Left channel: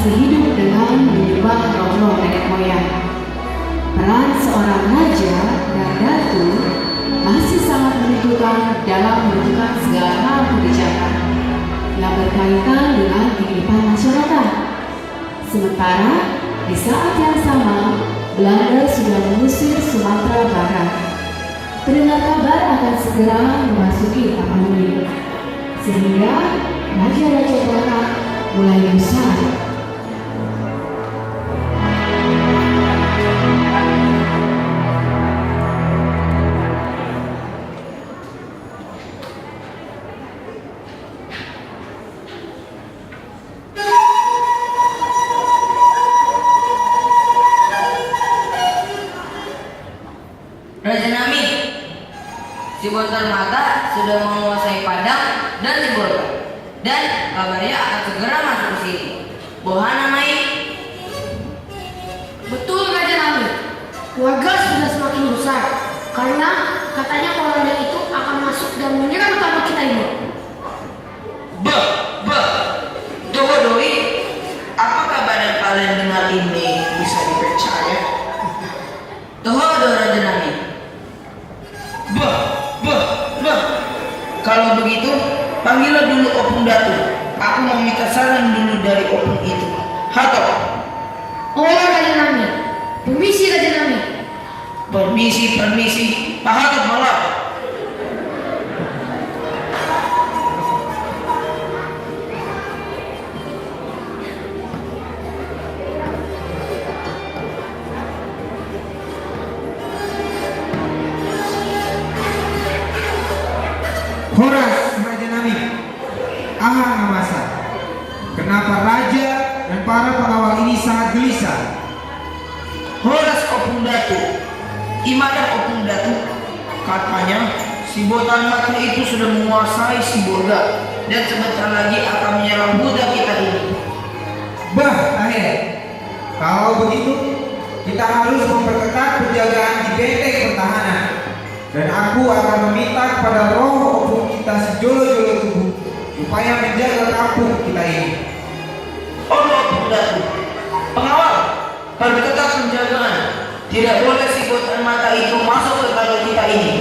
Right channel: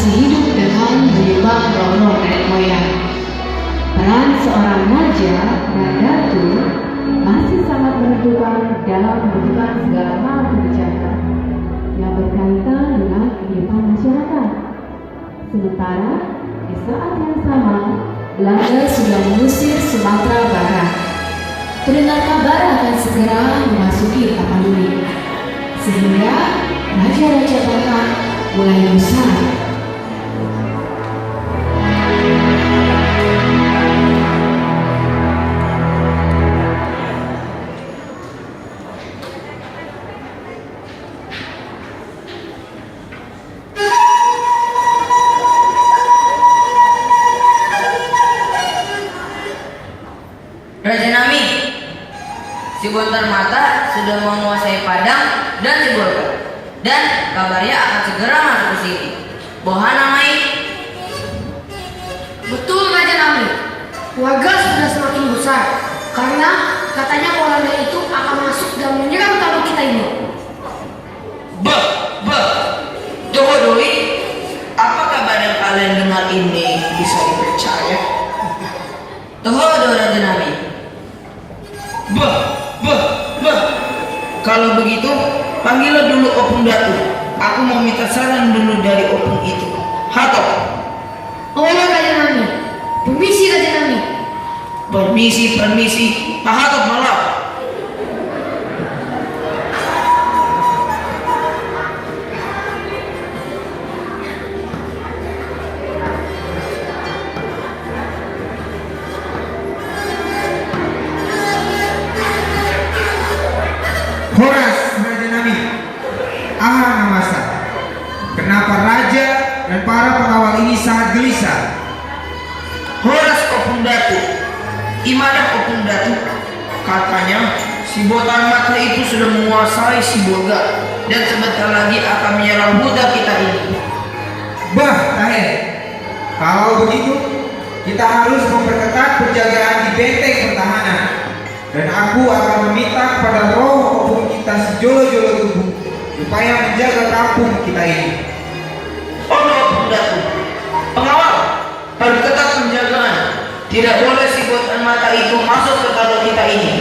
masih hidup dengan menyembah roh-roh nenek moyang. Peran seorang raja dan datu masih sangat menentukan dalam menentukan segala hal kebijakan yang berkaitan dengan kehidupan masyarakat. Sementara di saat yang sama, Belanda sudah mengusir Sumatera Barat. Pendengar kabar akan segera memasuki Tapanuli, sehingga raja-raja Batak mulai besar. Raja Nami, si Bontar Mata sudah menguasai Padang dan Sibolga, dan kabarnya akan segera masuk ke sini. Bohana Mai. Betul Raja Nami, warga sudah semakin besar karena katanya Walanda itu akan masuk dan menyerang tanah kita ini. Doi, apakah badan kalian dengar ini bisa dipercaya? Toho Raja Nami. Kalau begitu, panggillah dulu Opung Datu. Aku mau minta saran dulu dari Opung itu. Hato. Oleh Raja Nami, permisi Raja Nami. Permisi. Pak Hato malah. Horas Raja Nami, Aham Namasa. Kenapa raja dan para pengawal ini sangat gelisah? Horas Opung Datu. Imadah Opung Datu. Katanya si Botan Mata itu sudah menguasai Sibolga dan sebentar lagi akan menyerang budak kita ini. Tahe, kalau begitu kita harus memperketat penjagaan di benteng pertahanan. Dan aku akan meminta pada roh Opung kita sejolo-jolo tubuh supaya menjaga kampung kita ini. Opung Datu. Pengawal, perketat penjagaan. Tidak boleh si Botan Mata itu masuk ke kampung kita ini.